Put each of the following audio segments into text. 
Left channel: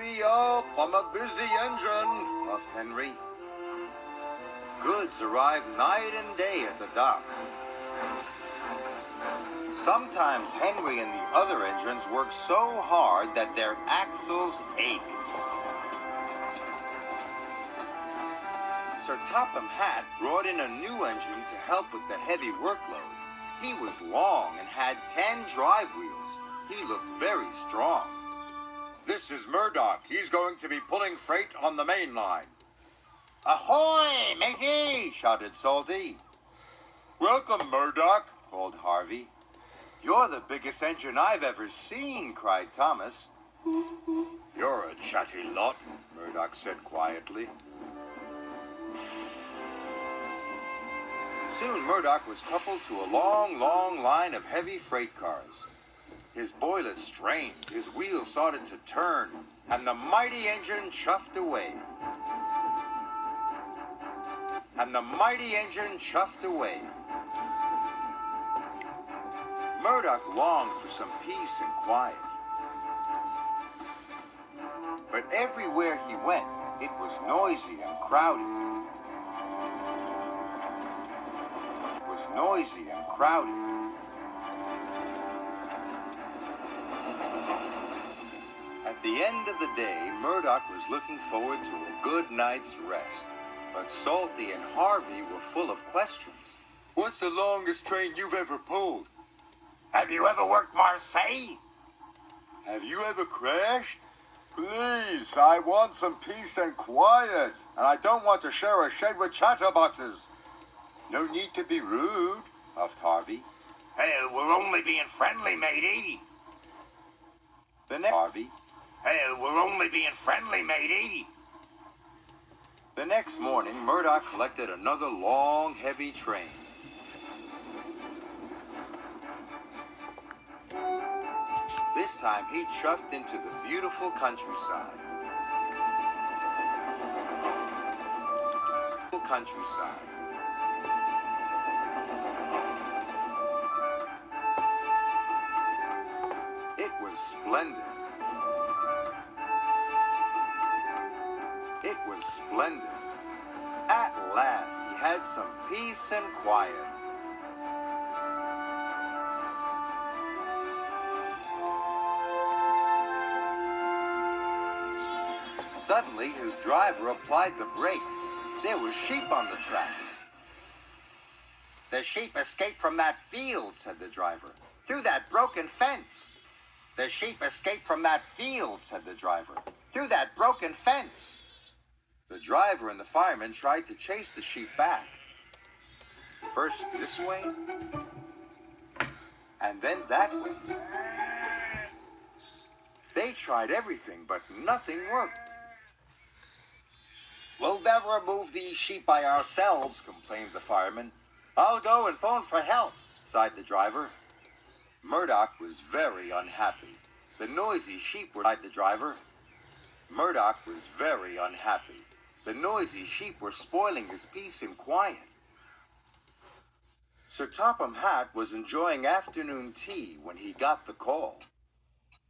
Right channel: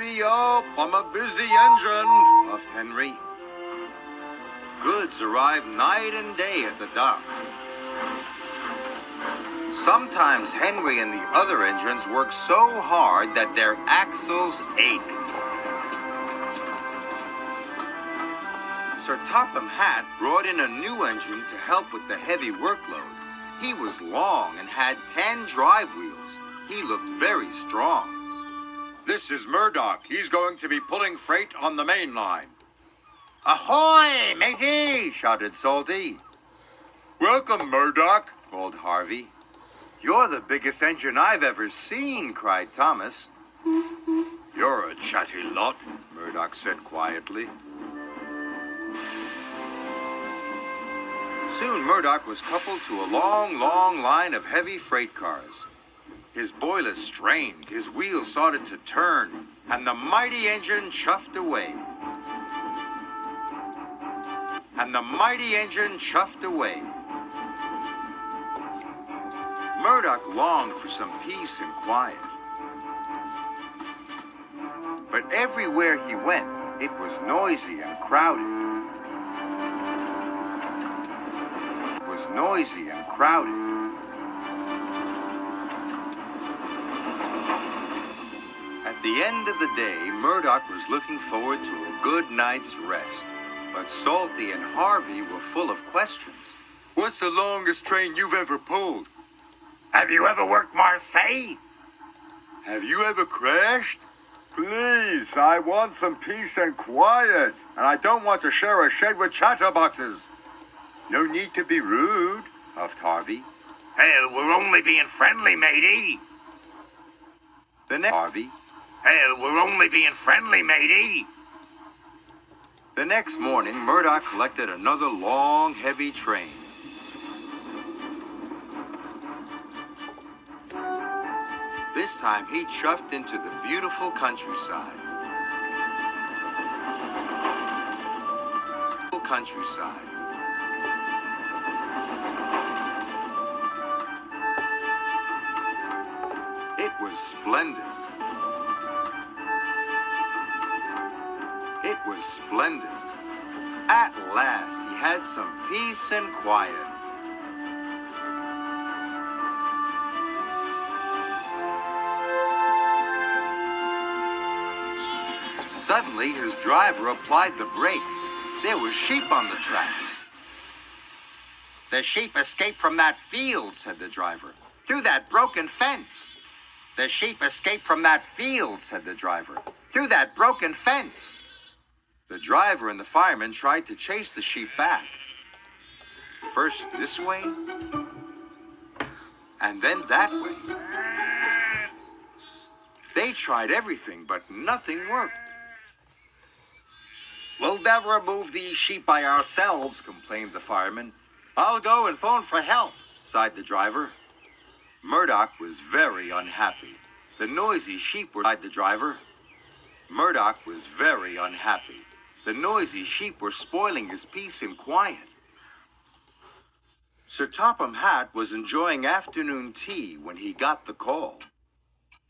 Hurry up, I'm a busy engine, puffed Henry. Goods arrive night and day at the docks. Sometimes Henry and the other engines work so hard that their axles ache. Sir Topham Hatt brought in a new engine to help with the heavy workload. He was long and had 10 drive wheels. He looked very strong. This is Murdoch. He's going to be pulling freight on the main line. Ahoy, matey! Shouted Salty. Welcome, Murdoch, called Harvey. You're the biggest engine I've ever seen, cried Thomas. You're a chatty lot, Murdoch said quietly. Soon Murdoch was coupled to a long line of heavy freight cars. His boiler strained, his wheels started to turn, and the mighty engine chuffed away. Murdoch longed for some peace and quiet. But everywhere he went, it was noisy and crowded. At the end of the day, Murdoch was looking forward to a good night's rest. But Salty and Harvey were full of questions. What's the longest train you've ever pulled? Have you ever worked Marseille? Have you ever crashed? Please, I want some peace and quiet, and I don't want to share a shed with chatterboxes. No need to be rude, puffed Harvey. Hey, we're only being friendly, matey. Harvey. Hey, we're only being friendly, matey. The next morning, Murdoch collected another long, heavy train. This time, he chuffed into the beautiful countryside. It was splendid. At last, he had some peace and quiet. Suddenly, his driver applied the brakes. There were sheep on the tracks. The sheep escaped from that field, said the driver. Through that broken fence. The sheep escaped from that field, said the driver. Through that broken fence. The driver and the fireman tried to chase the sheep back. First this way, and then that way. They tried everything, but nothing worked. We'll never move these sheep by ourselves, complained the fireman. I'll go and phone for help, sighed the driver. Murdoch was very unhappy. The noisy sheep were, sighed the driver. Murdoch was very unhappy. The noisy sheep were spoiling his peace and quiet. Sir Topham Hatt was enjoying afternoon tea when he got the call.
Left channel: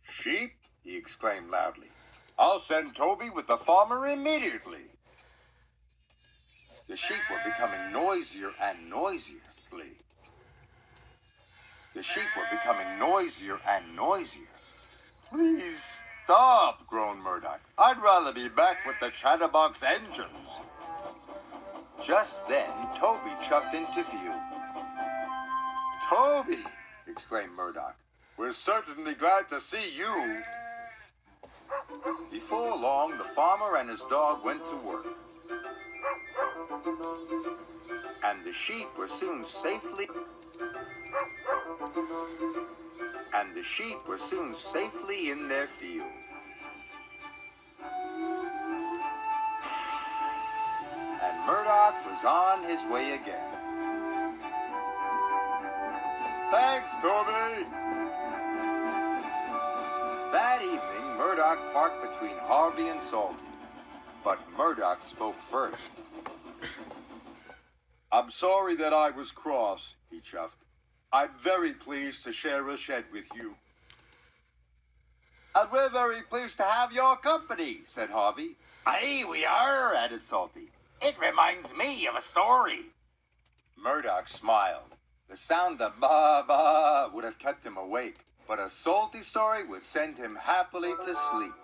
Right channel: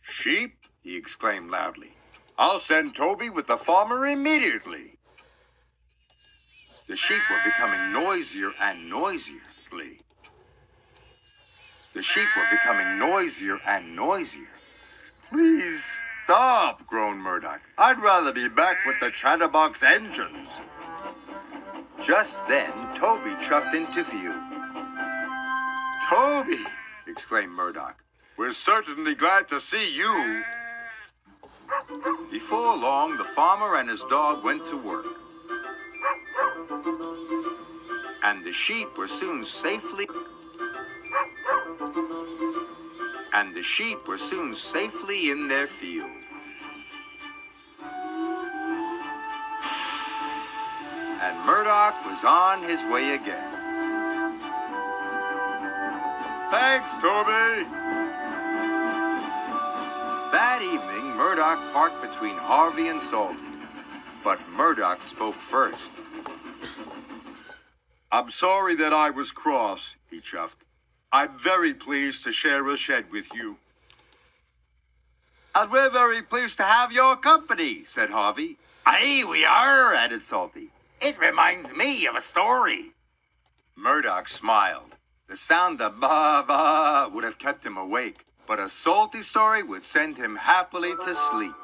Sheep? He exclaimed loudly. I'll send Toby with the farmer immediately. The sheep were becoming noisier and noisier. Please stop, groaned Murdoch. I'd rather be back with the chatterbox engines. Just then, Toby chuffed into view. Toby, exclaimed Murdoch. We're certainly glad to see you. Before long, the farmer and his dog went to work. And the sheep were soon safely in their field. And Murdoch was on his way again. Thanks, Toby. That evening, Murdoch parked between Harvey and Salty. But Murdoch spoke first. I'm sorry that I was cross, he chuffed. I'm very pleased to share a shed with you. And we're very pleased to have your company, said Harvey. Aye, we are, added Salty. It reminds me of a story. Murdoch smiled. The sound of ba-ba would have kept him awake, but a salty story would send him happily to sleep.